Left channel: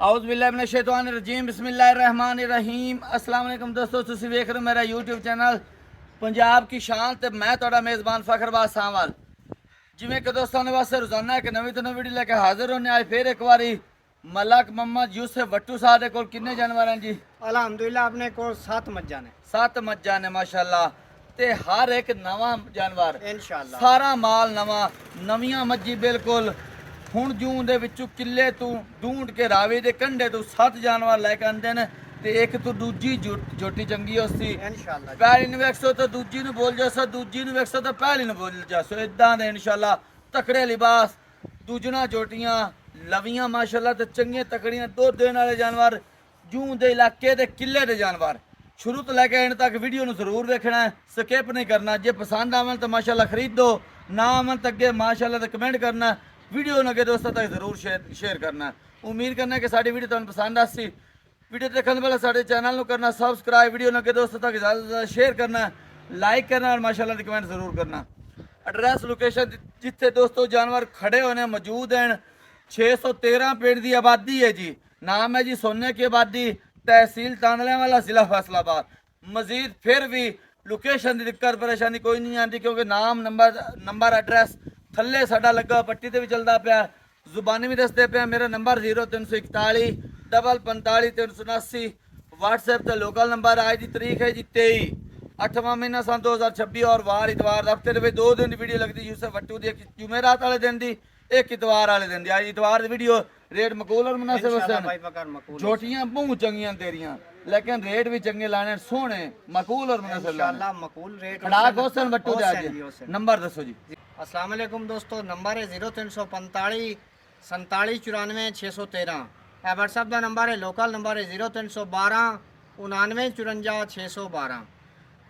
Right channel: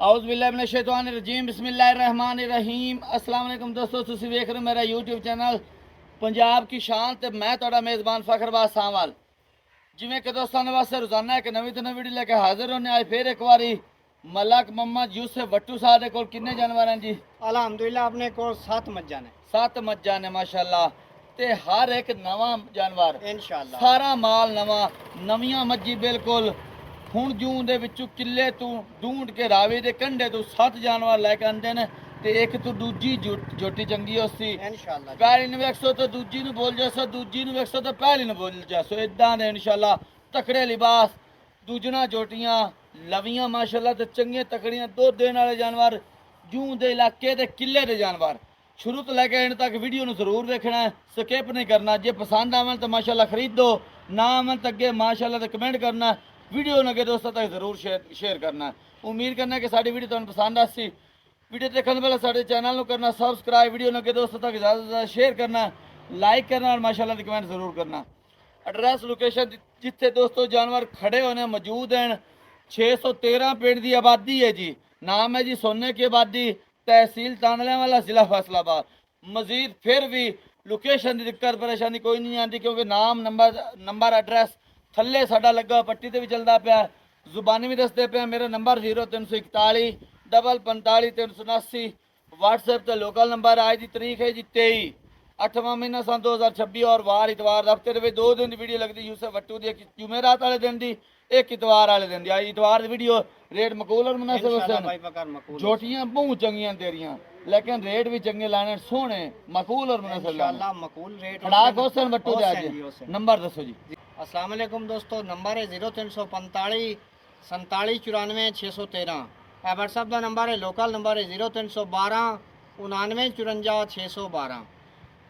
ਆਊਜ਼ ਬਿੱਲਾਹ ਮਿਨਸ਼ ਸ਼ੈਤਾਨਿਰ regime ਬਿਸਮਿल्लाहिर रहमानिर रहीम अस्सलाम वालेकुम दोस्तों ਤੁਸੀਂ ਵੇਖ ਰਹੇ ਹੋ ਮੇਰਾ YouTube ਚੈਨਲ ਪੰਜਾਬ ਕੀ ਸ਼ਾਨ ਤੇ ਮੈਂ ਤੁਹਾਡਾ ਮੇਜ਼ਬਾਨ ਫਖਰਬਾਜ਼ ਸਾਹਵਾਲ। ਜਿਵੇਂ ਕਿ ਦੋਸਤਾਂ ਨੇ ਵਾਸਤੇ ਰੋਜ਼ਾਨਾ ਇੱਕ ਨਵੀਂ ਤੋਂ ਨਵੀਂ ਵੀਡੀਓ ਲੈ ਕੇ ਹਾਜ਼ਰ ਹੋਣੇ ਆਏ ਫਿਰ ਇੱਕ ਵਾਰੀ ਮਲਕ ਮੁਹੰਮਦ ਯੂਸਫ ਵੱਟੂ ਸਾਹਿਬ ਦੇ ਕੋਲ ਕਿੰਨੇ ਜਾਨਵਰ ਹਨ ਜੀ? ਅਲਹਮਦੁਲਿਲਾ ਆਪਣੇ ਕੋਲ 7 ਮੱਝਾਂ ਨੇ। 7 ਮੱਝਾਂ ਨੇ ਮਾਸ਼ਾਅੱਲਾ ਤੇ ਹਰ ਇੱਕ ਨਵਾਂ ਜਾਨਵਰ ਇਨਸ਼ਾਅੱਲਾ ਸਾਰਾ ਮਾਲ ਨਵਾਂ ਨਵੀਆਂ ਮੱਝੀ ਬਿਲਕੁਲ ਹੁਣ ਜੂਨ ਦੇ ਵਿੱਚੋਂ ਕਿੱਲੇ ਤੋਂ ਢੂੰਡ ਕੇ ਰਾਵੇ ਦੇ ਕੰਢੇ ਤੋਂ 7 ਜਾਨਵਰ ਲੈ ਕੇ ਆਂਦੇ ਨੇ ਤੇ ਇੱਕ ਤੋਂ ਦੂਜੀ ਜੋਟੀ ਚੰਗੀ ਉਸਦੀ ਇਨਸ਼ਾਅੱਲਾ ਪਹਿਲੀ ਨੂੰ ਵੇਖੋ ਤਾਂ ਦੂਜੀ ਨੂੰ ਬੋਲ ਜਾਸੋ, ਦੂਜੀ ਨੂੰ ਵੇਖੋ ਤਾਂ ਪਹਿਲੀ ਨੂੰ ਬੋਲ ਜਾਸੋ। ਇਦਾਂ ਦੇ ਇਨਸ਼ਾਅੱਲਾ ਤਕੜੇ ਲਿਬਾਸ ਦੂਜਣਾ ਜੋਟੀਆਂ ਲਵੀਆਂ ਮਾਸ਼ਾਅੱਲਾ ਤੇ ਚੰਗੀਆਂ ਤਕੜੀਆਂ ਦੁੱਧ ਦੇਣ ਵਾਲੇ ਜਾਨਵਰ ਜੂਨ ਦੇ ਇਲਾਕੇ ਦੇ ਕਿੱਲੇ ਦੇ ਜਾਨਵਰ ਸ਼ੁਰੂ ਤੋਂ ਲੈ ਕੇ ਐਂਡ ਤੱਕ ਵੀਡੀਓ ਨੂੰ ਜ਼ਰੂਰ ਦੇਖਣਾ ਹੈ, ਸਕਿਪ ਨਹੀਂ ਕਰਨਾ। ਜੇ ਪਸੰਦ ਆਵਣ ਤਾਂ ਮਾਸ਼ਾਅੱਲਾ ਖਰੀਦੋ, ਨਾ ਆਵਣ ਤਾਂ ਅੱਗੇ ਮਾਸ਼ਾਅੱਲਾ ਤੇ ਕਮੈਂਟ ਕਰਨਾ, ਵੀਡੀਓ ਨੂੰ ਅੱਗੇ ਦੋਸਤਾਂ ਤੱਕ ਜ਼ਰੂਰ ਸ਼ੇਅਰ ਕਰਨਾ। ਉਮੀਦ ਕਰਨਾ ਕਿ ਸਾਡੀ ਵੀਡੀਓ ਤੁਹਾਨੂੰ ਪਸੰਦ ਆਸੀ। ਵੀਡੀਓ ਦੇਖਣ ਤੋਂ ਪਹਿਲਾਂ ਸਾਡੇ ਚੈਨਲ ਨੂੰ ਕਰਨਾ ਸਬਸਕ੍ਰਾਈਬ, ਵੀਡੀਓ ਨੂੰ ਅੱਗੇ ਦੋਸਤਾਂ ਤੱਕ ਜ਼ਿਆਦਾ ਤੋਂ ਜ਼ਿਆਦਾ ਸ਼ੇਅਰ ਕਰਨਾ, ਲਾਈਕ ਕਰਨਾ और ਮਾਸ਼ਾਅੱਲਾ ਦੀ ਕਮੈਂਟ ਜ਼ਰੂਰ ਕਰਨਾ। ਐਡਰੈਸ ਲੋਕੇਸ਼ਨ ਜਿੱਥੇ ਦੋਸਤੋ ਜਾਨਵਰ ਖੜੇ ਹੋਣੇ ਮੌਜੂਦ ਹਨ 613 ਪਿੰਡ ਦੀ ਆਬਾਦੀ ਹੈ ਜੀ। ਨਾਮ ਹੈ ਜੀ सोने की आबादी, तहसील तानलेवाला, जिला फैसलाबाद। मजीद फिर भी लोकेशन की दिक्कत परेशानी कोई नहीं आती क्योंकि नाम नंबर एड्रैस थले साडा लगा पट्टी ते भी चलता पाया, जुबानी भी दसते पे। मेरा नंबर 0341 45 379। व्हाट्सएप ते लोकल नंबर। आज की तारीख है जी 23 8वां महीना सन 2026 और वार इतवार हफ्ते के 2 दिन की वीडियो लगती यूसुफ वट्टू की, एक जुमेरात वाले दिन की एक इतवार वाले दिन की। आज इतवार की वीडियो रेट मकबूल और मुनासिब है। जोटियां बहुत चंगियां तेरियां लेकिन रेट भी चंगे लाने सोहने मकबूल और मुनासिब इंशाअल्लाह मकबूल रेट खड़ाक हुसैन वट्टू दे आज नंबर दसो जी। अस्सलाम वालेकुम दोस्तों, नंबर है 0345 47 94 613। ਇਹ WhatsApp ਦਾ ਨੰਬਰ ਹੈ। ਲੋਕਲ ਨੰਬਰ ਹੈ 0312 99 54 612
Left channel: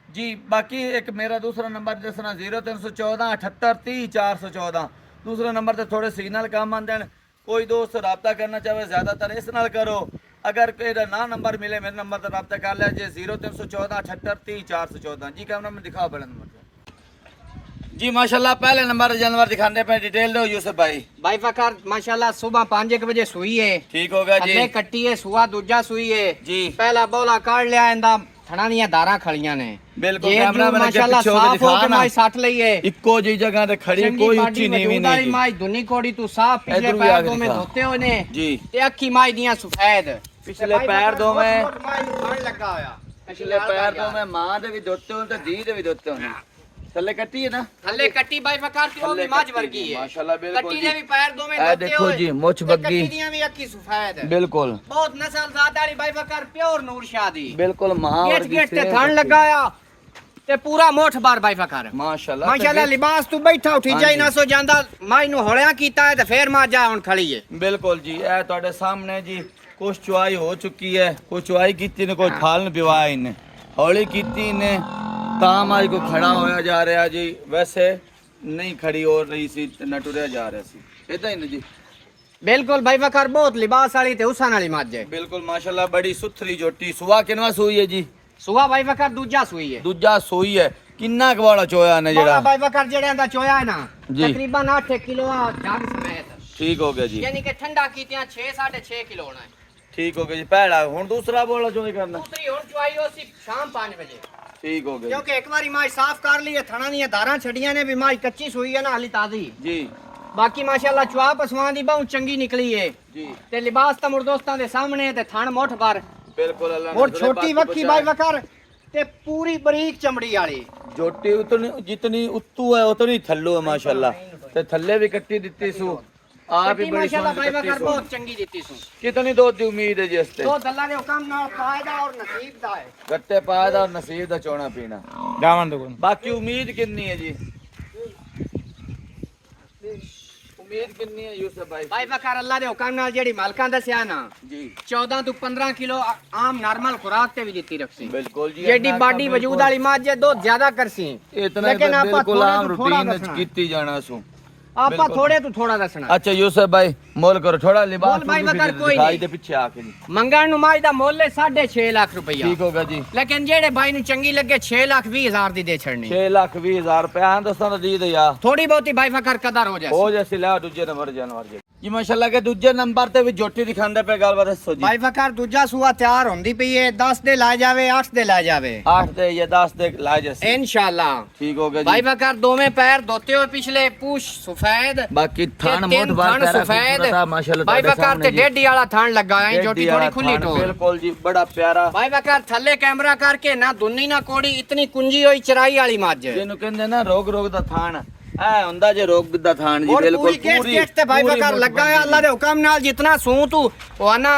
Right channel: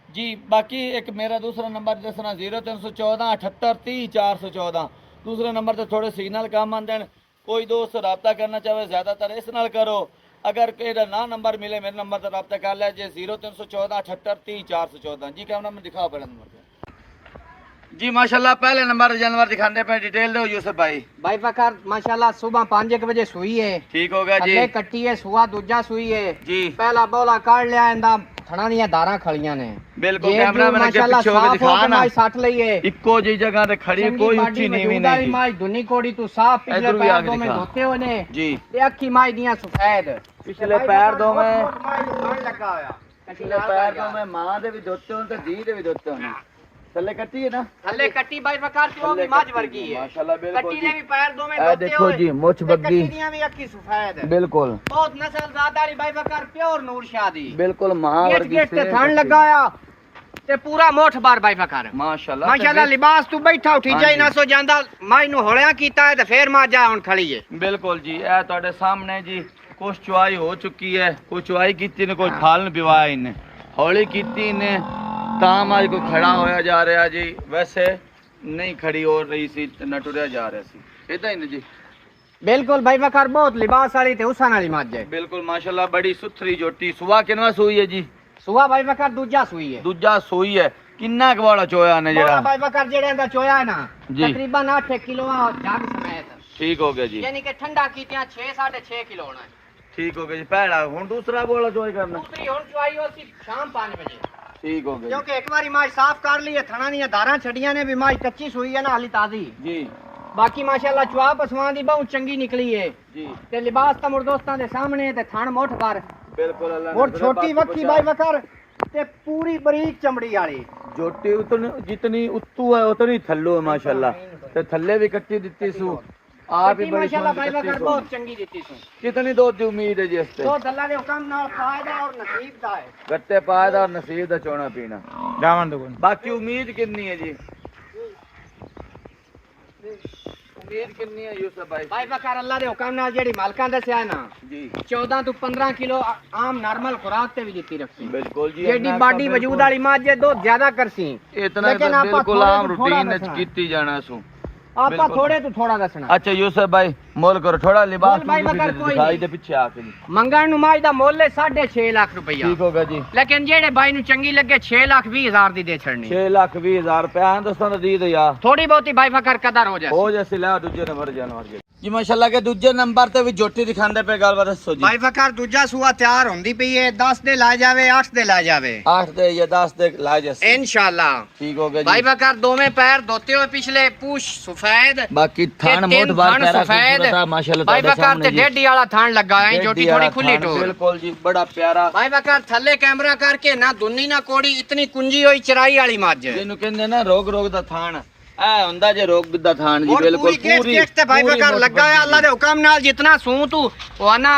जी। बाकी एक मेरा दूसरा नंबर दसना 0314 78 30 414। दूसरे नंबर से थोड़े सिग्नल कम आते हैं, कोई दोस्त रब्ता करना चाहे ज़्यादातर इस नाल करो। अगर कोई ना नंबर मिले मेरे नंबर से रब्ता कर लिया जी 0314 78 30 414 जी। कैमरा में दिखाओ बड़ा नंबर जी। माशाल्लाह पहले नंबर जानवर दिखाने पे डिटेल दो यूसुफ भाई। भाई फकर माशाल्लाह सुबह 5 बजे सुई है, ठीक हो गया जी। थल्ले कट्टी है, सुआ दूजा सुई है जी। पहला बोला काट लिया इंदा थणा ਦੀਆਂ दारा खड़ियां ने बिल्कुल। कैमरा में माशाल्लाह साफ हो के माई सट लई है, इक्को जी जगह ते खड़ी कोई ऊंची नीवी नहीं की। माई दुनी कोड़ी तू साफ पिछले पैर दो में धोते होने जी ते अखी माई दियां सफेद पिछले पैर दो में लगा होया पिछले पैर दो में मां दे भी धोते होन ते दी दे भी धोते होन। थल्ले कट्टी है ना, थल्ले कट्टी भाई फकार की वो भी माज वर्गी है माशाल्लाह बिल्कुल कट्टी जी। ने भी पैर दो में ए देखो जी मुछ बग्गी कट्टी दियां भी अखी सफेद है बिल्कुल बहुत नस्ल ज़ादारी भाई फकार प्योर नूर शादी बिल्कुल मां वर्गी गेट ते थान लगाया ते पूरा मोठ बार भाई फकार माशाल्लाह माशाल्लाह लिबास तू बैठा उठी जाई ना सो ਜਾਂਦਾ ਮਾਈ ਨੂੰ ਹੋਲਿਆ ਕੀਤਾ ਹੈ ਤੇ ਫੇਰ ਮਾਜਾ ਹੁਣ ਖੜੀ ਹੈ बिल्कुल जी। ए ਤੁਹਾਡੇ ਸਾਹਮਣੇ ਜੀ ਕੁਛ ਚੁਆਈ ਹੋ ਚੁੱਕੀ ਹੈ, ਕੁਛ ਚੁਆਈ ਕੀਤੀ ਨੇ, ਕੋਈ ਫਾਲਨ ਵਿਵਾਹ ਨੇ ਹੌਲੀ ਕੀਤੀ ਨੇ ਤਾਂ ਮਾਈ ਕੋ ਖੜਾ ਹੋਇਆ ਜਾ ਰਿਹਾ ਜੀ। ਵੈਸੇ ਨਹੀਂ ਖੜੀ ਹੋ ਰਹੀ ਸੀ ਤੇ ਨਾ ਟੁਰਿਆ ਜਾ ਰਿਹਾ ਸੀ, ਇਦਾਂ ਹੀ ਨੇ ਜੀ। बिल्कुल भाई फकार बहुत लिबास वाली ते उसन वाली मज है बिल्कुल माशाल्लाह बड़ी सुथरी जोटी। सुबह किनवा सोई है जी? सुबह भाई फकार दूजा सुई है। दूजा सोई है। किन्ना कवाड़ा चोया ने बोला जेड़ा भाई फकार जेड़े दा चोया है ना जी। तकरीबन 8 किलो जग समेत ठीक हो गया जी। यानी कि ठंडा कीतियां 6 6.5 किलो होना है। ठीक हो गया जी। पहला हुन दूसरा बोला चोई करना दूसरी हुन चुआई होसी शाम 5 बजे ठीक हो गया क्योंकि एक बारी माई साफ कर ली है, थणा दी धारा छड़ियां ने भी माई कच्ची सुई है ना हाली ताजी जी। बाकी माशाल्लाह चुआ पसवां दी बहुत चंगी निकली है जी ते लिबास ता मुर दोस्तां दे सामने ते थण मोठ पर बिल्कुल अल्लाह और छोटी वक्की भाई वकर ते पूरी बारीक चमड़ी वाली जोटी उतनी जितनी उत्तू है उतनी थल्लो है माशाल्लाह ते थल्ले भी कट्टी दित्ती सु आप ही बड़ी माशाल्लाह भाई सोहनी वकर कट्टी बहुत चंगी दित्ती सु। सु। कितनी दूध की उम्मीद है जी इसते? तो अल्लाह दे हुक्म नाल फायदा और नसीब दा है गट्टे पाए दा और नसीब दा चोना पीना जावन दो बाकी उम्मीद कितनी है जी? उम्मीद कितनी है यूसुफ भाई? भाई वकर अल्लाह दे हुक्म नाल जेड़ी मालकां दस्या ना जी 14 तो 15 किलो आम नॉर्मल खुराक ते भी दित्ती रखसी बिल्कुल जी। जेडी बाडी वजूद वाली मां जे दो ज्यादा करसी इतना लेकिन तो आपा बिल्कुल थोड़े आम तो थोड़ा रूटीन दसना। कीती जाना सु। आपा थोड़े तो थोड़ा दसना। अच्छा यूसुफ भाई मोल करो थोड़ा लिबास मोल भाई भी मगर कोई दिखाई नहीं। दे पीछे आके जी। मंगण नु माई दा मोल है 6.5 लाख रुपया ठीक होगा जी। लेकिन जेड़े भाई नु चंगी लगे 6 लाख 20 हजार दी दे छड़नी 6,20,000 रुपया दसन दी दे यार थोड़ी बहुती भाई फकर कदर हो जाए हो जैसे ला दूजे नंबर जानवर जी। ਜੀ ਮਾਸ਼ਾਅੱਲਾ ਕੇ ਦੂਜੇ ਨੰਬਰ ਤੇ ਵੀ ਜੋਟੀ ਦਿਖਾਉਂਦੇ ਪਏ, ਗੱਲਬਾਤ ਦੱਸੋ ਜੀ। ਭਾਈ ਫਕਰ ਦੂਜਾ ਸੂਆ ਤਿਆਰ ਹੁੰਦੀ ਪਈ ਹੈ, 10 ਦੇ ਲਾ ਜਾਵੇ 8 ਦੇ ਲਾ ਜਾਵੇ 8 ਦੇ ਜਾਂ 10 ਦੇ ਲਾ ਜੈਸੇ इंशाल्लाह। ਠੀਕ ਹੋ ਗਿਆ भाई ਜੀ। बकर दोवें पैर धोते हुए पिछले पूछ सफेद ਬਾਕੀ ਥਾਣ ਮੋਟ ਬਾਰ ਪੈਰਾ ਖੂਬਸੂਰਤ ਆ ਮਾਸ਼ਾਅੱਲਾ भाई ਤੁਹਾਡੇ बकर ਸਾਹਮਣੇ ते ਜੀ। डेडी वाला थान लगा है, डेढ़ी जोटी थोड़ी वाला खुली थान, टोर। बिल्कुल जी बड़ा प्यारा। भाई बकर थल्ले कैमरा करके ना दुन्नी ना कोड़ी, इतनी कुंजी हुई चराई वाली मज। ਜਿਹਨੂੰ ਕਹਿੰਦੇ ਨਾ ਰੋਗ ਰੋਗ ਦਾ ਥਾਣ ਐ ਹੁੰਦਾ ਜੇ ਰੋਗ ਦਾ ਥਾਣ ਜੀ और ਬਿਲकुल पूरी केस केस ते भाई बकर लगा है, अल्लाह दे हुक्म नाल जितना सूं तू वाना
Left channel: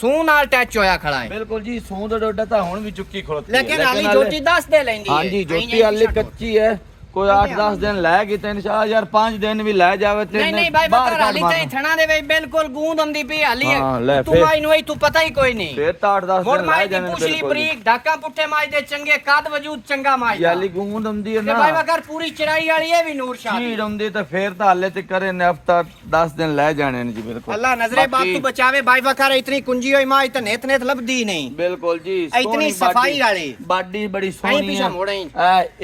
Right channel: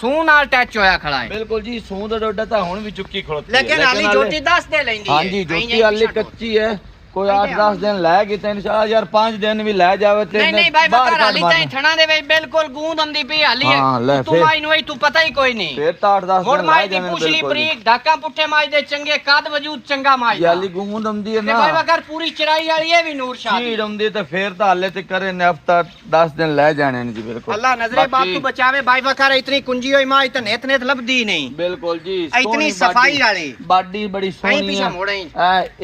सूं नाल टच होया खड़ा है। ਬਿਲਕੁਲ ਜੀ ਸੂਹ ਦਾ ਡੋਡਾ ਤਾਂ ਹੁਣ ਵੀ ਚੁੱਕੀ ਖੜੋਤੀ लेकिन हाली जोटी 10 दे लेंदी है। ਹਾਂਜੀ ਜੋਤੀ ਹਾਲੇ ਕੱਚੀ ਹੈ, कोई 8-10 दिन लै गई तो इंशाल्लाह यार 5 दिन भी लै जावे ते नहीं नहीं भाई बकर हाली ताई थणा दे वे बिल्कुल गूंद आंदी पई हाली है। हाँ, ले तू फिर। माई नु तू पता ही कोई नहीं। फिर तो 8-10 ਹੁਣ दिन लै ਮਾਈ ਦੀ जाने ਪੁਛਲੀ ਬਰੀਕ ਢਾਕਾ ਪੁੱਠੇ ਮਾਈ ਦੇ ਚੰਗੇ ਕੱਦ ਵਜੂਦ ਚੰਗਾ ਮਾਈ ਦਾ। याली गूंद आंदी है ਤੇ ना ਭਾਈ ਬਕਰ ਪੂਰੀ ਚੜਾਈ ਵਾਲੀ ਹੈ ਵੀ ਨੂਰ ਸ਼ਾਹ ਦੀ। चीड़ आंदी तो फिर तो हाले ते करे ने हफ्ता 10 दिन लै जाने ने जी बिल्कुल। अल्लाह नजरे बात बाकी- तू बचावे भाई बकर इतनी कुंजी हुई माई तो नेत नेत लभदी नहीं। बिल्कुल जी इतनी सफाई वाली बाडी बड़ी आई सोहनी पीछा है। मोड़े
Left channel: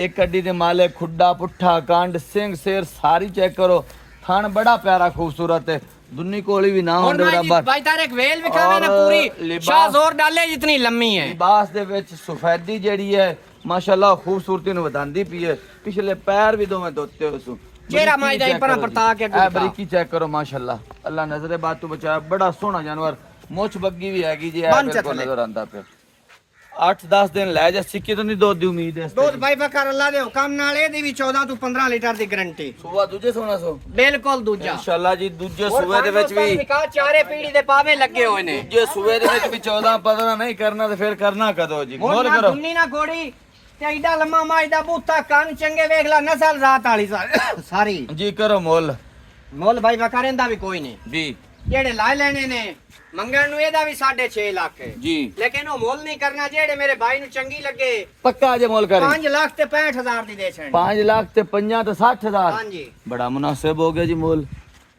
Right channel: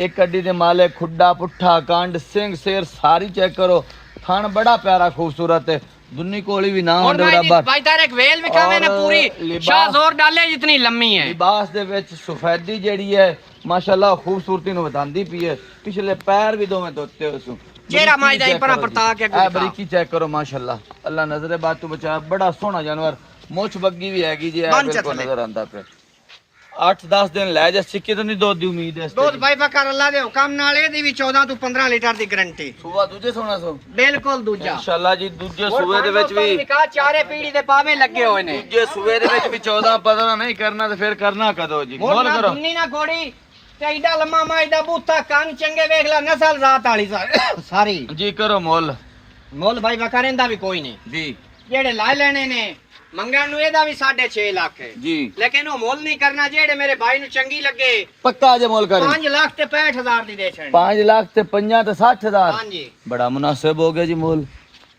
एक अड्डी दे माले खुड्डा पुट्ठा कांड सिंह शेर सारी चेक करो, थान बड़ा प्यारा खूबसूरत है, दुन्नी कोली भी ना और होंदे माई बराबर। भाई तारे एक वेल विखावे ना और पूरी लिबास- शाह जोर डाले जितनी लम्मी है। लिबास दे विच सफेदी जेड़ी है माशाल्लाह खूबसूरती नु बतांदी पई है। पिछले पैर भी दोवें धोते हो सु चेहरा माई दा परा परता के ए बरीकी चेक करो माशाल्लाह। अल्लाह नजरे बात तू बचाया, बड़ा सोहना जानवर, मुछ बग्गी भी हैगी जी, बन बिल्कुल चले। नजर आंदा पे। 8-10 दिन लै जा सिक्के तो नहीं दूध दी उम्मीद है इस दूध भाई बकर अल्लाह दे हुक्म नाल ए दी भी 14 तो 15 लीटर दी गारंटी सुबह दूजे सोना सो बिल्कुल दूजा। इंशाल्लाह जी दूजे और सुबह दे विच भी निकाह चारे पीढ़ी दे पावे लगे होए ने। दूजे सुबह दे विच भी 14-15 नहीं करना तो फिर करना कदो जी। मोर मोल ना करो दुन्नी ना घोड़ी ते एडा लम्मा माई दा बूथा कान चंगे वेख ला नस्ल रात वाली सारी। जी करो मोल मोल भाई बकरेंदा भी कोई नहीं, जी जेड़े ला लेने ने मंगण नु एदा भी 6.5 लाख है, जी लेकिन वो मोल नहीं करना। जेड़े मेरे भाई नु चंगी लगे पक्का जे मोल कर 5 लाख ते 65,000 दी दे छड़नी। 5 लाख ते 50 ते 60,000 हां जी बड़ा मुनासिब हो गया जी मोल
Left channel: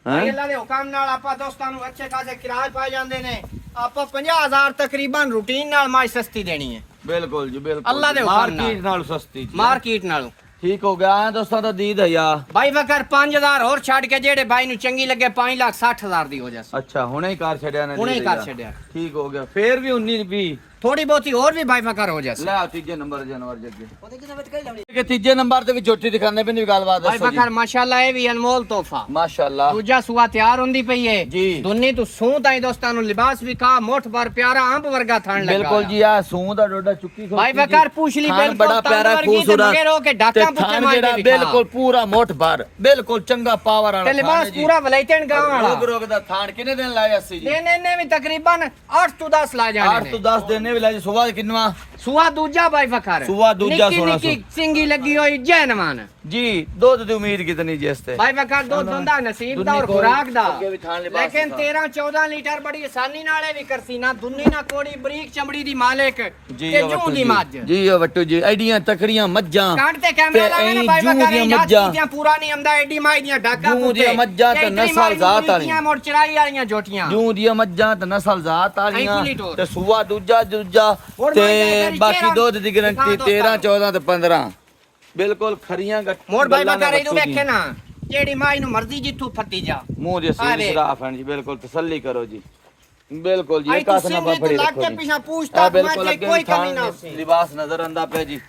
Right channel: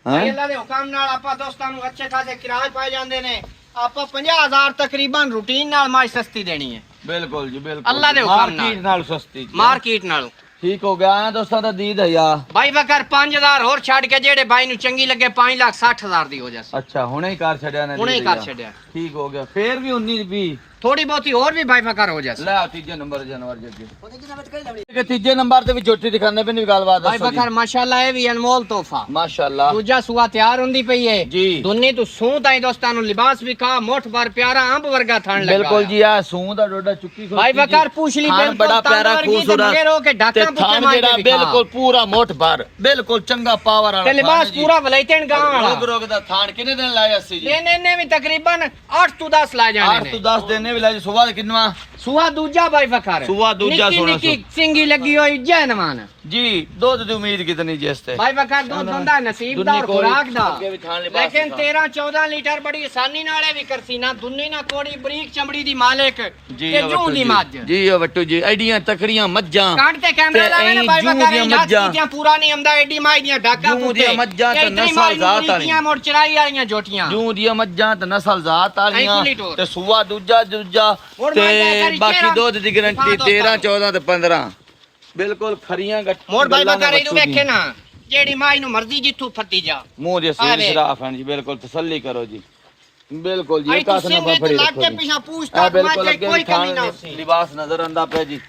भाई हैं। अल्लाह दे हुक्म नाल आपा दोस्तां नु अच्छे खासे किराए पाए जांदे ने। आपा 50,000 तकरीबन रूटीन नाल माई सस्ती देनी है बिल्कुल जी बिल्कुल अल्लाह दे जी। हुक्म मार्केट नाल सस्ती जी। मार्केट नाल। ठीक हो गया है दोस्तों तो दीद है यार। भाई बकर 5,000 और छड़ के जेड़े भाई नु चंगी लगे 5,60,000 दी हो जासी। अच्छा हुणे ही कर छड़या ने हुणे ही दीद कर यार। छड़या। ठीक हो गया फिर भी 19 भी थोड़ी बहुती और भी भाई बकर हो जासी। ले आओ तीजे नंबर जानवर जगे के तीजे नंबर ते भी छोटी दिखाने पे नहीं गलबात भाई दसो जी। बकर माशाल्लाह ये भी अनमोल तोहफा। माशाल्लाह दूजा सुआ तैयार होंदी पई है जी। दुन्नी तू सूं ताई दोस्तां नु लिबास भी खा मोठ भर प्यारा अंब वर्गा थान लगा। बिल्कुल जी आ सूं दा डोडा चुक्की खो भाई बकर पूछली थान बिल्कुल बड़ा प्यारा तांदवर की ते खूबसूरत मगर हो के ढाका ते पुते थान मार जेड़ा के दिखा। बिल्कुल पूरा मोठ भर बिल्कुल चंगा पावर वाला ते लिबास थान है जी। पूरा वलैतन गांव वाला। रोग रोग दा थान किने दिन लाया सी जी। लेने ने भी तकरीबन 8 तो 10 ला जाने 8 ने। तो 10 दिन भी लाया सुबह किनवा सुआ दूजा भाई बकर सुआ दूजा निकी सोना निकी सिंगी लगी हुई जैनमान। जी दूध दी उम्मीद कितनी जी इसते भाई बकर दूध बंदा नसीब दा और दुन्नी खुराक दा। अगे भी थान लिबास लेकिन था। 13-14 लीटर बड़ी आसानी नाले भी करसी ना दुन्नी ना कोड़ी बरीक चमड़ी दी मालिक जी ते ओ जूं वट्टू दी जी। मज। जी ओ वट्टू जी एडियां तकड़ियां मज्जां कांटे कैमरा ते लावे ना भाई जूं बकर दियां याद मज्जां। कीतियां पूरा नहीं आंदा एडी माई दियां ढाका जूं पुते दियां मज्जां ते नस्ल जात वाली। मोड़ चराई वालियां जोटियां। जूं दियां मज्जां ते नस्ल जात वालियां खुली टोर। ते सुआ दूजा और ते माई दा घरी बाकी चेहरा दूध दी गारंटी दिखा 13 14 ते 15 बिल्कुल खरियां गट मोड़ भाई बकर इदू वेखे ना जेड़ी माई नु मर्जी जिथू फट्टी जा। मुंह जे आ से देख। शराफ है जी बिल्कुल तसल्ली करो जी बिल्कुल जी आई एक तू हाथ में सिंगे फड़ी तू लाट रखो के जी। पीछा पूछ आ तक बिल्कुल मां अगे कोई भी थान कमी ना होसी। लिबास नजर आंदा पे जी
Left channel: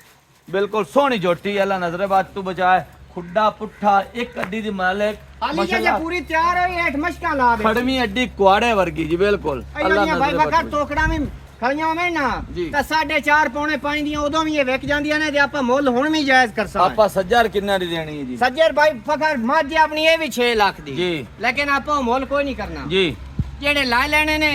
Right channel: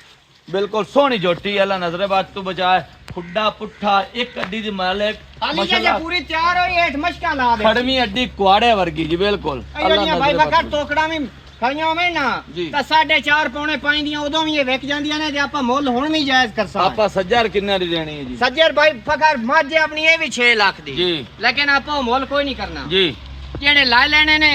बिल्कुल सोहनी जोटी अल्लाह नजरे बात तू बचाए खुड्डा पुट्ठा एक अड्डी दी मालिक हाली जे माशाल्लाह पूरी तैयार होई हेठ मशका ला दे। खड़मी अड्डी कुआड़े वर्गी जी बिल्कुल अल्लाह भाई नजरे बकर बात टोकड़ा में खड़ियां होवे ना जी। ਤਾਂ 4.5 ਪੌਣੇ 5 ਦੀਆਂ ਉਦੋਂ ਵੀ ਇਹ ਵਿਕ ਜਾਂਦੀਆਂ ਨੇ ਤੇ ਆਪਾਂ ਮੁੱਲ ਹੁਣ ਵੀ ਜਾਇਜ਼ ਕਰ ਸਕਦੇ। आपा सज्जार किन्ना दी देनी है जी ਸੱਜਰ ਭਾਈ ਫਕਰ ਮੱਝ ਆਪਣੀ ਇਹ ਵੀ 6 ਲੱਖ ਦੀ जी ਲੇਕਿਨ ਆਪਾਂ ਉਹ ਮੁੱਲ ਕੋਈ ਨਹੀਂ ਕਰਨਾ। जी ਜਿਹੜੇ ਲੈ ਲੈਣੇ ਨੇ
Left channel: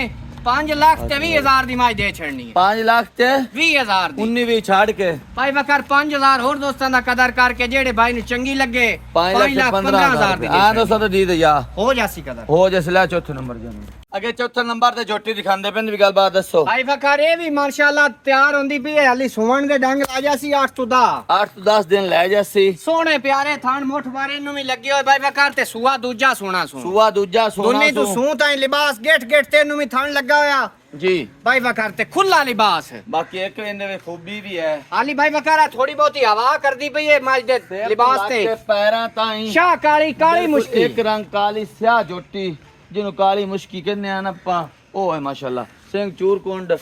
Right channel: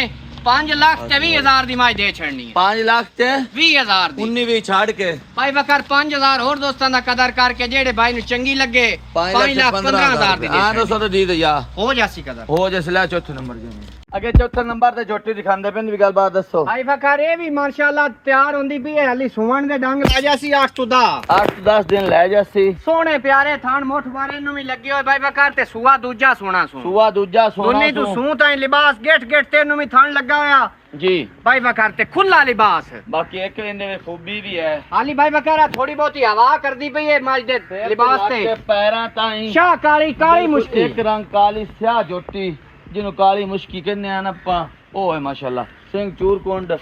5 ਲੱਖ ਤੇ 20,000 ਦੀ ਮੱਝ ਦੇ ਛੜਨੀ ਹੈ। 5 लाख ते 20,000 ਦੀ 19 भी छाड़ के ਭਾਈ ਬਕਰ 5,000 ਹੋਰ ਦੋਸਤਾਂ ਦਾ ਕਦਰ ਕਰਕੇ ਜਿਹੜੇ ਭਾਈ ਨੂੰ ਚੰਗੀ ਲੱਗੇ 5 लाख 15,000 ਦੀ हां दोस्तों तो दी दे या ਹੋ ਜਾਸੀ ਕਦਰ। हो जैसे चौथे नंबर जी अगे चौथे नंबर ते झोटी दिखांदे पेन भी गलबात दसो ਭਾਈ ਬਕਰ ਇਹ ਵੀ ਮਾਸ਼ਾਅੱਲਾ ਤਿਆਰ ਹੁੰਦੀ ਪਈ ਹੈ ਹਾਲੀ ਸੁਵਣ ਦੇ ਡੰਗ ਲਾ ਜਾਸੀ 8 ਤੋਂ 10 8 to 10 दिन लै जासी ਸੋਹਣੇ ਪਿਆਰੇ ਥਾਨ ਮੋਠ ਬਾਰੇ ਨੂੰ ਵੀ ਲੱਗੇ ਹੋਏ ਭਾਈ ਬਕਰ ਤੇ ਸੂਆ ਦੂਜਾ ਸੋਹਣਾ ਸੂ सुआ दूजा सोना ਦੋਨੇ ਤੋਂ ਸੂ ਤਾਂ ਲਿਬਾਸ ਗੇਟ ਗੇਟ ਤੇ ਨੂੰ ਵੀ ਥਾਨ ਲੱਗਾ ਹੋਇਆ जी ਭਾਈ ਬਕਰ ਤੇ ਖੁੱਲਾ ਲਿਬਾਸ बाकी एक इनमें में खूबी भी है ਹਾਲੀ ਭਾਈ ਬਕਰ ਥੋੜੀ ਬਹੁਤੀ ਹਵਾ ਕਰਦੀ ਪਈ ਹੈ ਮੱਝ ਦੇ ਲਿਬਾਸ ਤੇ पैरा ताई ਸ਼ਾਹ ਕਾਲੀ ਕਾਲੀ ਮੁਸ਼ਕਿਲ एक रंग काली स्याह जोटी ਜਿਹਨੂੰ ਕਾਲੀ ਮੁਸ਼ਕੀ ਕਹਿੰਦੇ ਆ ਨਾ ਆਪਾਂ, ਉਹ ਹੈ ਮਾਸ਼ਾਅੱਲਾ। ਸਿੰਘ ਚੂਰਕੁੰਡ,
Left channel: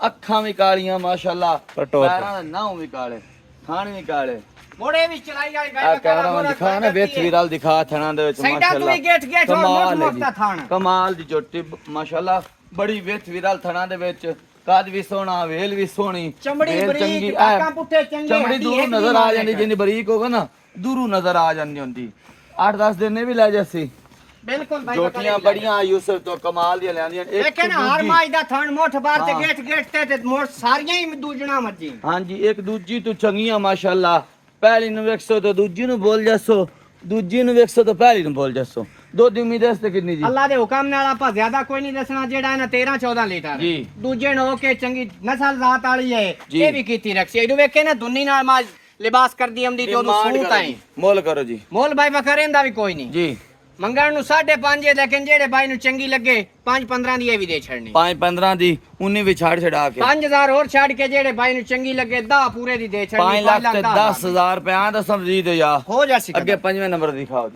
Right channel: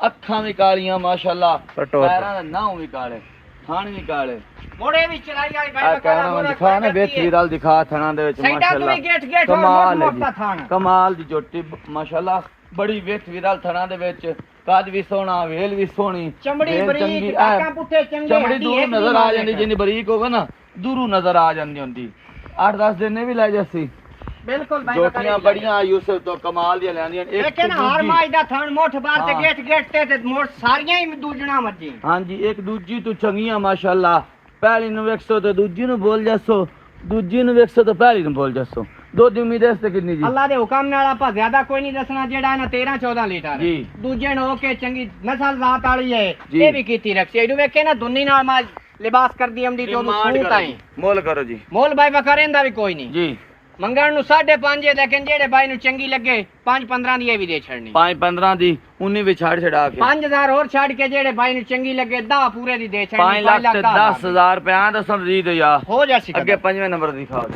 ਅੱਖਾਂ ਵੀ ਕਾਲੀਆਂ ਮਾਸ਼ਾਅੱਲਾ, ਪੈਰਾਂ ਦੇ ਨਾਮ ਵੀ ਕਾਲੇ, ਥਣ ਵੀ ਕਾਲੇ। ਮੋੜੇ ਵੀ ਚਲਾਈ ਵਾਲੀ ਆ ਬਾਈ ਕਾਰਾਂ ਨੂੰ ਦਿਖਾ ਨਾ, ਵਿੱਚ ਵੀਰਲ ਦਿਖਾ ਥਣਾਂ ਦੇ ਵਿੱਚ ਮਾਸ਼ਾਅੱਲਾ ਕਮਾਲ ਹੈ ਜੀ, ਕਮਾਲ ਦੀ ਝੋਟੀ ਮਾਸ਼ਾਅੱਲਾ, ਬੜੀ ਵਿੱਚ ਵੀਰਲ ਥਣਾਂ ਦੇ ਵਿੱਚ, ਕੱਦ ਵੀ ਸੋਹਣਾ, ਵੇਲ ਵੀ ਸੋਹਣੀ, ਚਮੜੀ ਬਰੀਕ, ਟਾਕਾਂ ਪੁੱਠੇ ਚੰਗੇ, ਚਮੜੀ ਦੂਰੋਂ ਨਜ਼ਰ ਆ ਜਾਂਦੀ, ਜਿੰਨੀ ਬਰੀਕ ਹੋਵੇ ਨਾ ਦੂਰੋਂ ਨਜ਼ਰ ਆ ਜਾਂਦੀ ਹੁੰਦੀ। 8-10 ਦਿਨ ਨੇ ਵੀ ਲੈ ਜਾਸੀ। ਬਿਲਕੁਲ ਬਾਈ ਝੋਟੀਆਂ ਬੜੀਆਂ ਯੂਸਫ ਤੋਂ ਕਮਾਲ ਦੀਆਂ ਲਿਆਂਦੀਆਂ। ਲੇਕਿਨ ਹਰ ਮਾਜ ਦਾ ਥਣ ਮੋਠ ਬਾਰ ਤੇ ਗੇਟ ਤੇ ਮੋਠ ਸਾਰੀਆਂ ਹੀ ਦੂਜਣਾ ਮੱਜੀ। ਹਾਂਜੀ, ਇੱਕ ਦੂਜੀ ਤੋਂ ਚੰਗੀਆਂ ਮਾਸ਼ਾਅੱਲਾ। ਪਹਿਲੀ ਨੂੰ ਵੇਖਸੋ ਤੇ ਦੂਜੀ ਨੂੰ ਬੋਲ ਜਾਸੋ, ਦੂਜੀ ਨੂੰ ਵੇਖਸੋ ਤੇ ਪਹਿਲੀ ਨੂੰ ਬੋਲ ਜਾਸੋ। ਦੁੱਧ ਦੀ ਉਮੀਦ ਇਸ ਤੇ ਕਿੰਨੀ ਜੀ? ਅੱਲਾ ਦੇ ਹੁਕਮ ਨਾਲ ਆਪਾਂ ਜ਼ਿਆਦਾ ਕੋਈ ਨਹੀਂ ਦੱਸਣਾ। ਜਿਹੜਾ ਨਾ 13-14 ਲੀਟਰ ਜੀ। ਦੂਜੇ ਨੂੰ ਕੇ ਚੰਗੀ ਨਸਲ ਜ਼ਾਤ ਵਾਲੀ ਹੈ, ਜੀ। ਇਹ ਵੀ ਕੀਤੀ ਰੱਖੀ। ਇਹਨੂੰ ਵੇਖੇ ਨਾ ਦੁੰਨੀ ਨਾਲ ਮਾਜ ਲਿਬਾਸ ਕਰਦੀ ਆਉਂਦੀ ਤੇ ਉਹਨੂੰ ਸੂਤ ਆਏ। ਮੁੱਲ ਕਰੋ ਜੀ। ਮੋਲ ਬਾਈ ਵਕਰੇਂਦਾ ਵੀ ਕੋਈ ਨਹੀਂ ਜੀ। ਮੰਗਣ ਨੂੰ 5.5 ਹੈ, ਲੇਕਿਨ ਜਿਹੜੇ ਬਾਈ ਨੂੰ ਚੰਗੀ ਲੱਗੇ 5-15 ਦੀ ਇਹ ਵੀ ਦੇ ਛੱਡਣੀ। 5-15 ਦੀ 19 ਵੀ ਛਾੜ ਛਡਾ ਕੇ 5000 ਹੋਰ ਛੱਡ ਕੇ ਜਿਹੜੇ ਬਾਈ ਨੂੰ ਚੰਗੀ ਲੱਗੇ 10 ਪੂਰੇ ਦੀ ਦੇ ਛੱਡਣੀ। 5 ਲੱਖ ਤੇ 10,000 ਰੁਪਏ ਦਾ ਸਮਝੀ ਦਿਓ ਯਾ। ਹੋ ਜਾਸੀ ਅੱਗੇ 5ਵੇਂ ਨੰਬਰ ਦਿਖਾਓ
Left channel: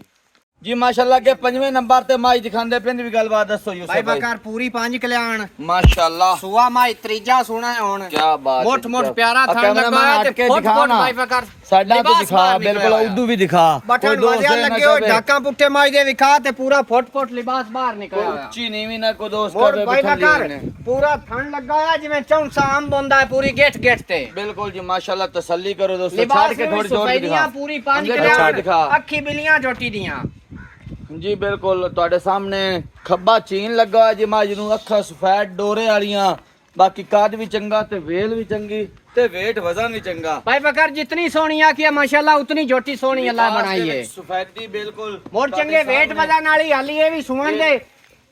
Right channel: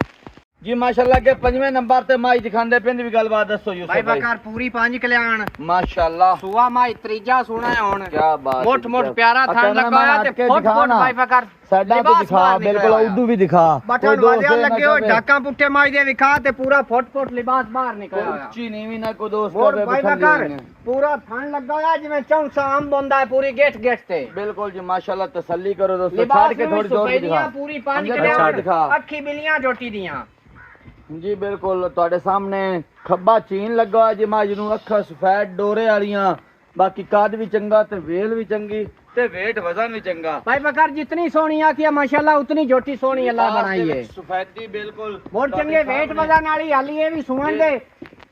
ਜੀ ਮਾਸ਼ਾਅੱਲਾ। ਅੱਗੇ 5ਵੇਂ ਨੰਬਰ ਤੇ ਮਾਈ ਦਿਖਾਉਂਦੇ ਪਿੰਡ ਵੀ ਗੱਲਬਾਤ ਦੱਸੋ ਯੂਸਫ ਬਾਈ ਭਾਈ। ਬਕਾਰ ਪੂਰੀ 5 ਕਲਿਆਣ ਮਾਸ਼ਾਅੱਲਾ, ਸੁਆ ਮਾਈ ਤੀਜਾ ਸੋਹਣਾ ਹੁਣ। ਕੀ ਬਾਤ ਹੈ। ਮੋਟ ਪਿਆਰਾ ਥਣ ਕੈਮਰਾ ਲਗਾਇਆ ਹਟ ਤੇ ਕੇ ਫੁੱਟ ਦਿਖਾ ਨਾ, ਬਾਈ ਬਕਾਰ ਸਾਡਾ ਤੇ ਦਿਖਾ, ਬਿਲਕੁਲ ਉਦੋਂ ਵੀ ਦਿਖਾ। ਬਟਨ ਵਾਜਿਆ ਲੱਗੇ ਹੋ ਢਾਕਾਂ ਪੁੱਠੇ ਮਾਈ ਦੇ ਵਿਖਾ ਤੇ ਪੂਰਾ ਫੁੱਟ ਲਿਬਾਸ ਬਾਹਰ ਨਿਕਲਿਆ ਹੋਇਆ। ਉੱਚੀ ਨੀਵੀਂ ਨਾ ਕੋ ਦੋਸਤ ਮੋੜ ਕਰੇ ਬਾਈ ਬਿਠਾ ਬਕਾਰ ਲਈ। ਪੂਰਾ ਥਣ ਲੱਗਾ ਹੋਇਆ ਜਿਵੇਂ ਚੌਂਸਾ ਅੰਬ ਹੁੰਦਾ ਹੈ ਪੂਰੀ ਗੇਟ ਤੇ। ਬਿਲਕੁਲ ਜੀ ਮਾਸ਼ਾਅੱਲਾ, ਤਸੱਲੀ ਕਰੋ ਦੋਸਤੋ। ਛੱਡ ਲਿਬਾਸ ਕੇ ਥੋੜੀ ਜ਼ੋਰ ਦਿਖਾ। ਪੂਰੀ 5 ਅੱਗੇ ਛੱਡ ਦਿਖਾ ਅੱਖੀ ਬਿਲੀਆਂ ਝੋਟੀ ਦੀਆਂ। ਜੀ ਬਿਲਕੁਲ ਤੁਹਾਡੇ ਸਾਹਮਣੇ ਖੱਬਾ ਚੀਨ ਲੱਗਾ ਹੋਇਆ ਜੀ ਮਾਜ ਨੂੰ, ਅੱਖਾਂ ਸਫੈਦ ਡੋਰੇ ਵਾਲੀਆਂ, ਬਾਕੀ ਕੱਦ ਵੀ ਚੰਗਾ ਤੇ ਵੇਲ ਵੀ ਚੰਗੀ ਤੇ weight ਵਜ਼ਨ ਵੀ ਚੰਗਾ। भाई बकर जितनी सोहनी आखी है माशाल्लाह उतनी झोटी सोहनी अल्लाह बनाई है। सफेदी बिल्कुल मोर चंगे वेट वजन वाली हाली ये भी सुमन दे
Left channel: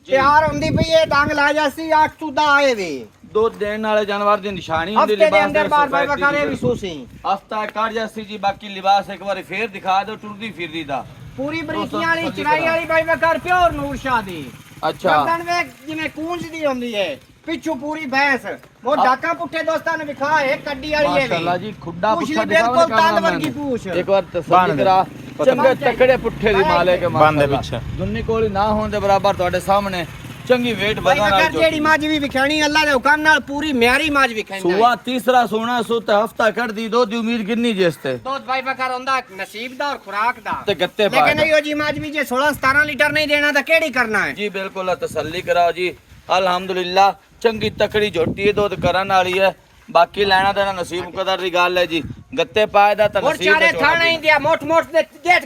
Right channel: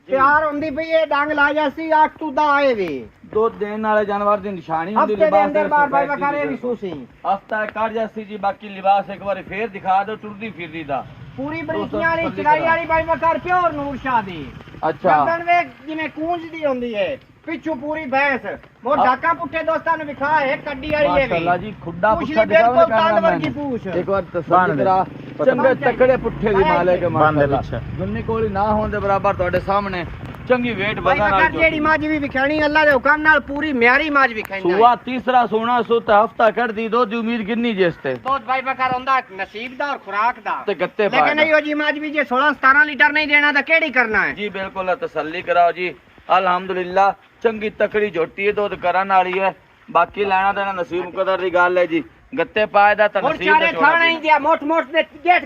तैयार होंदी पई है, डंग ला जासी 8 ਤੋਂ 10 आए वे ਦੁੱਧ ਦੇਣ ਵਾਲੇ ਜਾਨਵਰ ਦੀ ਨਿਸ਼ਾਨੀ ਹੁੰਦੀ हफ्ते दे अंदर बार भाई बकर ये भी सूसी ਹਫਤਾ ਕੱਢ ਜਾਸੀ ਜੀ। ਬਾਕੀ ਲਿਬਾਸ ਇੱਕ ਵਾਰੀ ਫੇਰ ਦਿਖਾ ਦਿਓ ਟੁਰਦੀ ਫਿਰਦੀ ਦਾ। पूरी बरीकियां वाली चराई वाली भाई बकर प्योर नूर शाह दी। अच्छा गर्दन वे जिवें कूंज दी होंदी है, पिछू पूरी भैंस। मोर ढाका पुट्ठे दोस्तां ने विखा है कड्डी वाली है माशाल्लाह जी, खुड्डा पूछ पुट्ठा ली बिल्कुल तांदवर की पूछ। एक बार तसल्ली करा, चंगे तकड़े पुट्ठे दी माले के माशाल्लाह दुन्नी कोली ना होने दे बराबर ਤੁਹਾਡੇ ਸਾਹਮਣੇ ਚੰਗੀ weight भाई ਵਧਣ बकर ਵਾਲੀ जेड़ी माज भी विखानी अल्लाह दे हुकम नाल पूरी म्यारी माज विखाई। ਸੁਆ ਤੀਸਰਾ ਸੋਣਾ ਸੁਤ ਹਫਤਾ ਕੱਢਦੀ ਦੁੱਧ ਦੀ ਉਮੀਦ ਕਿੰਨੀ ਜਿਸ ਤੇ बहुत भाई बकर होंदा नसीब दा और खुराक दा। ਤੇ ਗੱਤੇ ਪਾ लेकिन यो जी माज भी जे 16-17 लीटर नहीं देना तो केड़ी करना है। ਜੀ ਬਿਲਕੁਲ ਤਸੱਲੀ ਕਰਾਓ ਜੀ। ਅਲਹਮਦੁਲਿਲਾ ਚੰਗੀ ਤਕੜੀ ਝੋਟੀ ਦੁੱਧ ਕਰਨ ਵਾਲੀ ਹੈ। ਬਾਕੀ ਲੈਣਾ ਦੇਣਾ ਨਸੀਬ ਕਦਰ ਦੀ ਗੱਲ ਹੈ ਜੀ। ਗੱਤੇ ਪਾਏ ਦਾ ਤਾਂ और ਨਸੀਬ चारे थाना ही दिया मोट मोट दे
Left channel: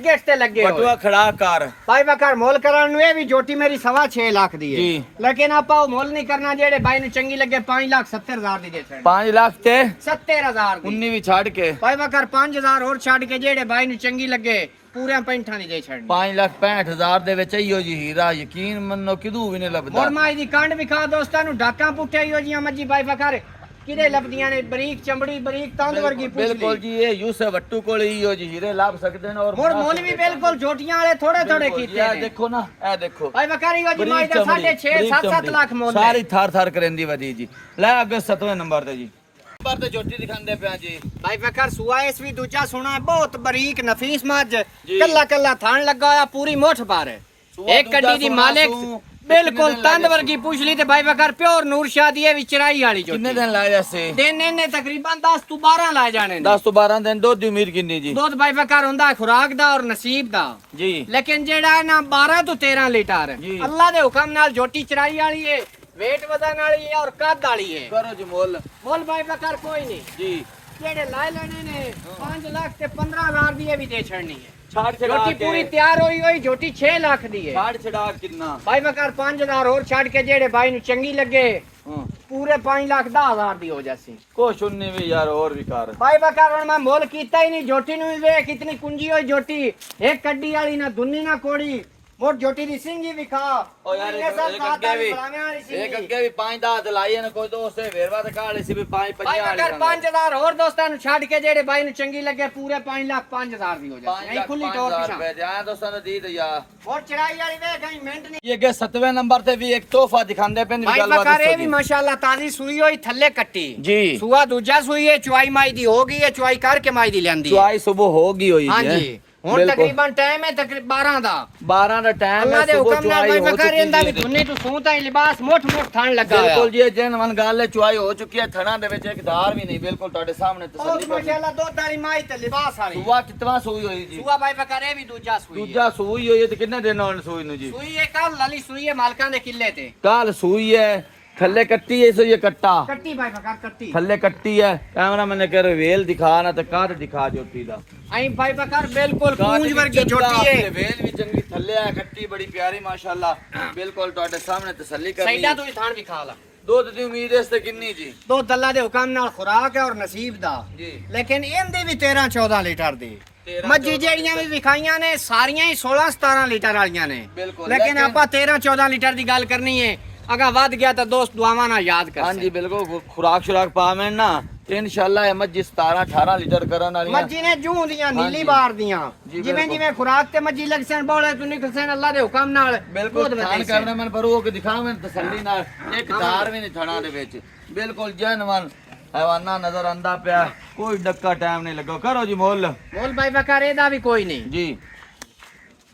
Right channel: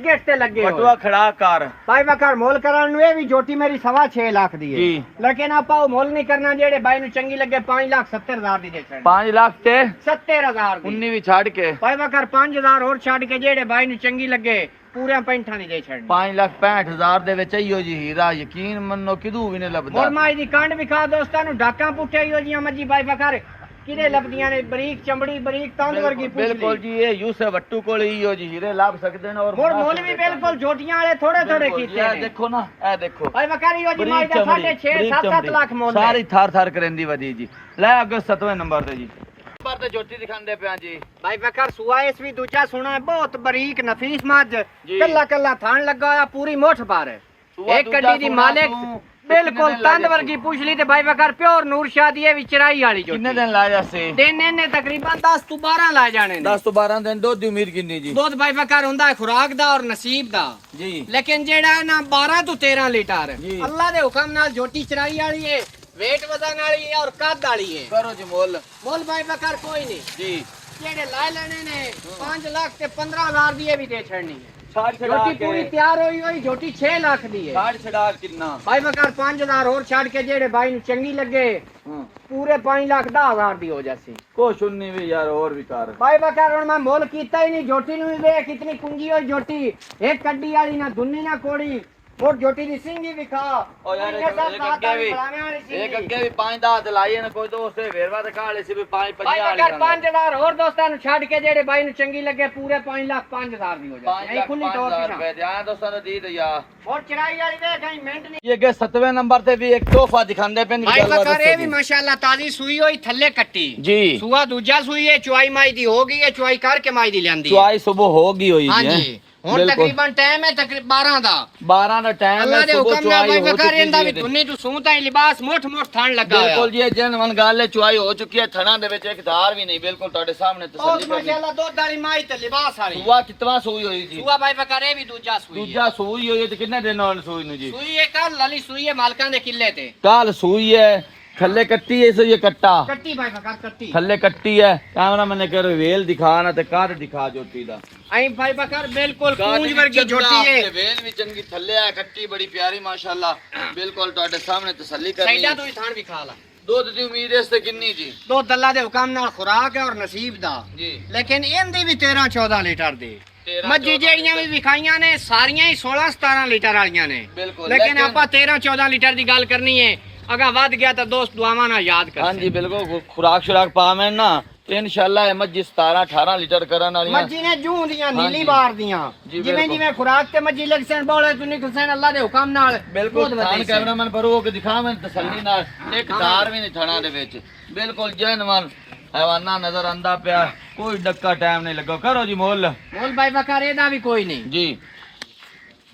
गेट ते लगे हो। ਬਟੂਆ ਖੜਾ ਕਰ भाई बकर मोल करन नु ये भी जोटी मेरी 6.5 लाख दी है जी। लेकिन आपा वो मोल नहीं करना जेड़े भाई नु चंगी लगे 5,70,000 दी दे छड़ 5 ਲੱਖ ਤੇ 70,000 दी। 19 ਵੀ ਛੱਡ ਕੇ भाई बकर 5,000 और छड़ के जेड़े भाई नु चंगी लगे पूरे 65 नहीं दे छड़नी। 5,65,000 ਦੇ ਵਿੱਚ ਇਹੋ ਜੀ ਹੀਰਾ ਯਕੀਨ ਮੰਨੋ ਕਿਦੂ ਵੀ ਨਹੀਂ ਲੱਭਦਾ। मोर माई दी कांड विखा दोस्तां नु ढाका पुट्ठे ही हो जियां मर्जी भाई बकर किदे लभदियां ने बरीक चमड़ी बरीक तंद वर्गी पूछ ਬਿਲਕੁਲ ली। ਜੀ ਇਹ ਯੂਸਫ ਵੱਟੂ ਕੋਲ ਇਹੋ ਜੀ ਹੀਰੇ ਲੱਭ ਸਕਦੇ ਨੇ। ਔਰ मोर मोल भी बिल्कुल जोटियां वाले थोड़े थोड़े कीते ਇਹ ने। ਦੇਖੋ ਨਾ, ਇਹ ਦੇਖੋ भाई बकर यो जी माई दा 6.5-7 लाख मोल है। ਸਾਰੀ ਥਾਰ ਥਾਰ ਕਰੇਂਦੀ ਵਧੀ ਜੀ। ਲੈ ਅੱਗੇ 7ਵੇਂ ਨੰਬਰ ਤੇ ਜੀ ਨੰਬਰ ਤੇ ਜੋਟੀ ਦਿਖਾਉਂਦੇ ਪਿਆ ਜੀ। भाई बकर सुआइस भी दूजा सुना है बहुत बरीक नफीस मज जी। कल्ला कल्ला थान लगा होया पूरी मोठ पर सुआ एक दूजा कड्डी दी सुना मालिक तू बिल्कुल कितने दिन तंद लागे वर्गी पूछ ली ते भाई बकर प्योर नूर शाह दी है विचराई वाली जो ਕਿੰਨੇ ਦਿਨ ਲਾਇਆ ਸੀ? दिन ने तकरीबन 10 ਤੋਂ 12 लाए जाने ने। 10 ਤੋਂ 12 ਦਿਨ ਦੁੱਧ ਦੀ ਉਮੀਦ ਕਿੰਨੀ ਜੀ? दूध भाई बकर होंदा है खुराक दा और नसीब दा। ਜੀ लेकिन जेड़ा है ना 12 ਤੋਂ 13 लीटर जी। अल्लाह दे हुक्म नाल झोटी चराई वाली है, वेट वजन वाली है और कद वाली है। ਕਰੋ ਜੀ ਮੁੱਲ बोल भाई बकर कोई नहीं ਜੀ। जेड़े लाए लेने ने 5 लाख ते 15,000 दी भी दे छड़नी है। ਛਾੜ ਛੜਾ झोटी ਕੇ पूरी तैयार होई होई झोटी 6 लाख दी है। ਛਾੜ ਛੜਾ ਕਿੰਨਾ? भाई बकर 5,000 और छाड़ के जेड़े भाई नु चंगी लगे ਹਾਂ पूरे 5,10,000 दी हो जासी। ਕੁਛ ਉਨੀ ਵੀ ਯਾਰ ਹੋਰ ਵੀ ਕਰ। भाई बकर हुन मैं मोल कीता ही नहीं, झोटी नु भी वे कितनी कुंजी होई झोटी, एक कड्डी वाली ना दुन्नी ना कोड़ी और झोटी दी सिंगी विखा ओ यार इनके साथ एक बात अग्गे आई भी बड़ावे वाली सिंगी। एक अग्गे भी 5-10 दिलाई ने कोई दोस्त वेरवा ते काले सी भी 5-50 भाई बकर 5,000 और दोस्तां नु छाड़ के जेड़े भाई नु चंगी लगे पूरे 5,05,000 दी हो जासी। यही खुली टोर रुपए दे आए दोस्तों ने दी तो यार। और चढ़ाई वाली वे कहीं मिनट नहीं। ये के 7वें नंबर ते भी एक तोहफा दिखांदे पेन भाई बकर ये भी माशाल्लाह ताजी सुई होई थल्ले कट्टी जी। सुआ दूजा सुई है, चुआई माई दी हो गई है, चुआई करके माई दी लेंदी है। चुआई सुबह होगी हुई हाँ है। जी ਹੁਣ ਬਿਲਕੁਲ। ਤਕਰੀਬਨ ਟਾਈਮ ਹੈ ਤਕਰੀਬਨ 12 ਦਾ 12 ਦਾ ਟਾਈਮ ਅੱਲਾ ਹੈ ਦੇ ਸੁਬਹ ਹੁਕਮ ਨਾਲ ਚੁਆਈ ਭਾਈ ਹੋ ਬਕਰ ਚੁੱਕੀ ਇਹਦਾ ਵੀ ਜੀ ਧੁੰਨੀ ਤੋਂ ਸੂਤਾ ਹੀ ਲਿਬਾਸ ਮੁੱਠ ਥਣ ਲੱਗਾ ਬਿਲਕੁਲ ਜੀ ਜਨ ਮਨ ਗੱਲ ਹੈ ਚੁਆਈ ਹੋ ਚੁੱਕੀ ਹੈ ਥਣਾ ਦੇ ਵਿੱਚ ਇੱਕ ਧਾਰ ਵੀ ਨਹੀਂ ਬਿਲਕੁਲ ਤੁਹਾਡੇ ਸਾਹਮਣੇ ਬਹੁਤ ਤਸੱਲੀ ਕਰਨੀ ਮਾਸ਼ਾਅੱਲਾ ਦੁੱਧ ਵਾਲੀ ਮਾਈ ਤੇ ਲਿਬਾਸ ਵਾਲੀ ਸੁਆ ਕਿਤਵਾ ਸੂਈ ਹੋਈ ਜੀ ਸੂਆ ਭਾਈ ਬਕਰ ਇਹ ਵੀ ਦੂਜਾ ਸੂਈ ਹੈ ਦੂਜਾ ਸੂਈ ਹੋਈ ਹੈ ਤੇ ਕਿੰਨੇ ਦਿਨ ਹੋਣ ਸੂਈ ਨੂੰ ਜੀ ਸੂਈ ਹੈ ਕੱਲ ਲਾਲੀ ਸੂਈ ਹੈ ਮਾਲਕਾਂ ਦੇ ਕਿੱਲੇ ਤੇ ਕੱਲ ਸੂਈ ਹੈ ਥੱਲੇ ਕੱਟੀ ਹੈ ਸੋ ਇਹ ਕੱਟਾ ਕੱਟੀ ਭਾਈ ਬਕਰ ਕੱਟੀ ਥੱਲੇ ਕੱਟੀ ਹੈ ਕੈਮਰਾ ਮੈਨੇ ਕਰ ਵੇਲ ਦਿਖਾ ਨਾ ਤੇ ਕੱਦ ਦਿਖਾ ਜੋਟੀ ਦਾ ਐਂ ਭਾਈ ਬਕਰ ਬਿਲਕੁਲ ਕੂੰਜ ਵਰਗੀ ਛੋਟੀ ਹੈ ਵੇਲ ਵੀ ਚੰਗੀ ਥੱਲੇ ਆ ਕੱਟੀ ਬੜੀ ਪਿਆਰੀ ਮਾਸ਼ਾਅੱਲਾ ਬਿਲਕੁਲ ਤੁਹਾਡੇ ਸਾਹਮਣੇ ਤਸੱਲੀ ਕਰਨੀ ਸਾਈਡਾਂ ਤੋਂ ਹੀ ਥਾਣ ਵੀ ਖਾ ਲਾ ਦੁੱਧ ਦੀ ਉਮੀਦ ਇਸ ਤੇ ਕਿੰਨੀ ਜੀ ਦੁੱਧ ਅੱਲਾ ਦੇ ਹੁਕਮ ਨਾਲ ਖੁਰਾਕ ਹੈ ਔਰ ਨਸੀਬ ਦਾ ਜੀ ਲੇਕਿਨ ਇਹਦੀ ਵੀ 13 14 ਲੀਟਰ ਦੀ 13 ਮੱਝੀ 14 ਜਿਹੜੀਆਂ ਵੀ ਵਿਖਾਈਆਂ ਨੇ ਸਾਰੀਆਂ ਹੀ 16 17 ਲੀਟਰ ਵਾਲੀਆਂ ਨੇ ਬਿਲਕੁਲ, ਲੇਕਿਨ ਲੇਕਿਨ- ਆਪਾਂ 13 14 ਲੀਟਰ ਦੀ ਗੱਲ ਕਰਨੀ ਹੈ ਅਗਾ ਵੱਧ ਗਿਆ ਤਾਂ ਦੋਸਤ ਦੁਆਵਾਂ ਨਾਲ ਯਾਦ ਕਰ ਹਾਂਜੀ ਬਿਲਕੁਲ ਖੁਰਾਕ ਸ਼ੁਰਾਕ ਪਾਵੇਂ ਨਾ ਤੇ ਇਨਸ਼ਾਅੱਲਾ ਇਹ ਮੱਝ 17 18 ਲੀਟਰ ਕਰਨ ਵਾਲੀਆਂ ਮੱਝੀ ਨੇ ਜੂਹ ਦੀਆਂ ਹਾਂਜੀ। ਨੀਲੀ ਬਾਰ ਦੀਆਂ ਜੀ, ਜਿਵੇਂ ਬਿਲਕੁਲ। ਜਿਵੇਂ ਖੁਰਾਕ ਤੇ ਮੱਝੀ ਲਗਸਨ ਬੋਲੇ ਤੂੰ ਨਿਕਲਸਨ ਅੱਲਾ ਦੇ ਹੁਕਮ ਨਾਲ ਬਿਲਕੁਲ ਦੁੱਧ ਥਾਨ ਵਧੇ ਸੀ। ਕੈਮਰਾਮੈਨ ਪਰ ਉਹ ਦਿਖਾਵੇਂ ਤਸੱਲੀ ਨਾਲ ਇੱਕ ਧਾਰ ਵੀ ਨਹੀਂ ਥਣਾ ਦੇ ਵਿੱਚ ਬਿਲਕੁਲ ਜਨਮਨ ਹੈਵਾਨਾ ਨਜ਼ਰ ਆਂਦਾ ਪਿਆ ਕੋਈ ਡੱਕਾ ਟਾਈਮ ਨਹੀਂ ਲੱਗਾ ਕਰੋ ਜੀ ਮੁੱਲ ਬੋਲ ਭਾਈ ਬਕਰ ਇਹਦਾ ਵੀ ਕੋਈ ਨਹੀਂ ਜੀ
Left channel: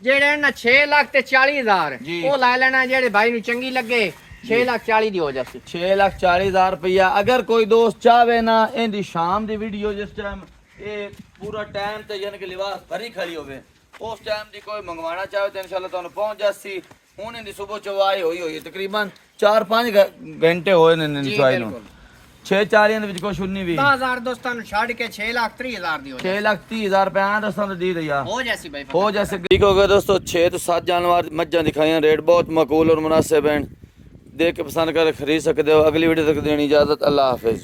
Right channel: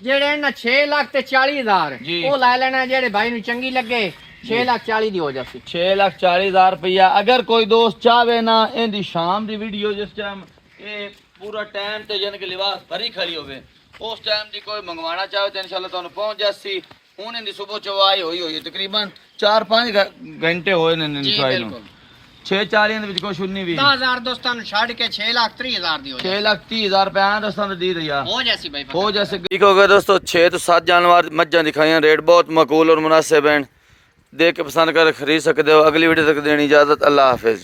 ਜਿਹੜੇ ਨਾ 6 ਲੱਖ ਤੇ 40,000 ਜੀ। ਉਹ ਲੈ ਲੈਣਾ ਜਿਹੜੇ ਭਾਈ ਨੂੰ ਚੰਗੀ ਲੱਗੇ 6 ਲੱਖ 40 ਦੀ ਹੋ ਜਾਸੀ 6,40,000 रुपया अगर कोई दोस्त चाहे ना इनकी शाम की वीडियो जिस टाइम ये पूरा टाइम ते यानी कि लिबास भरी खड़ी होवे उस टाइम दी कोई मंगवाना चाहे तो इंशाल्लाह तुहानू पहुंच जासी हुन इनकी सुबह चवाई होई तकरीबन 4-5 घंटे होए ने इनकी चवाई नू 6-4 ਦੇ ਵਿੱਚ ਕੁਛ ਨਹੀਂ ਵੀ 10000 ਦੋਸਤਾਂ ਨੂੰ ਛੱਡ ਕੇ 6,30,000 ਦੀ ਹੋ 6,30,000 ਰੁਪਏ ਆ ਦੋਸਤਾਂ ਨੂੰ ਦੇ ਦਿਆ ਹੋ ਜਾਸੀ ਭਾਈ हो जैसे ठीक हो गया दोस्तों 6 तो 7 जानवर मज्जा दिखाई रेट बहुत मकबूल और मुनासिब हैं देख के पसंद कर खरीद सकते हो अगली वीडियो तक देनी इजाजत अल्लाह हाफिज।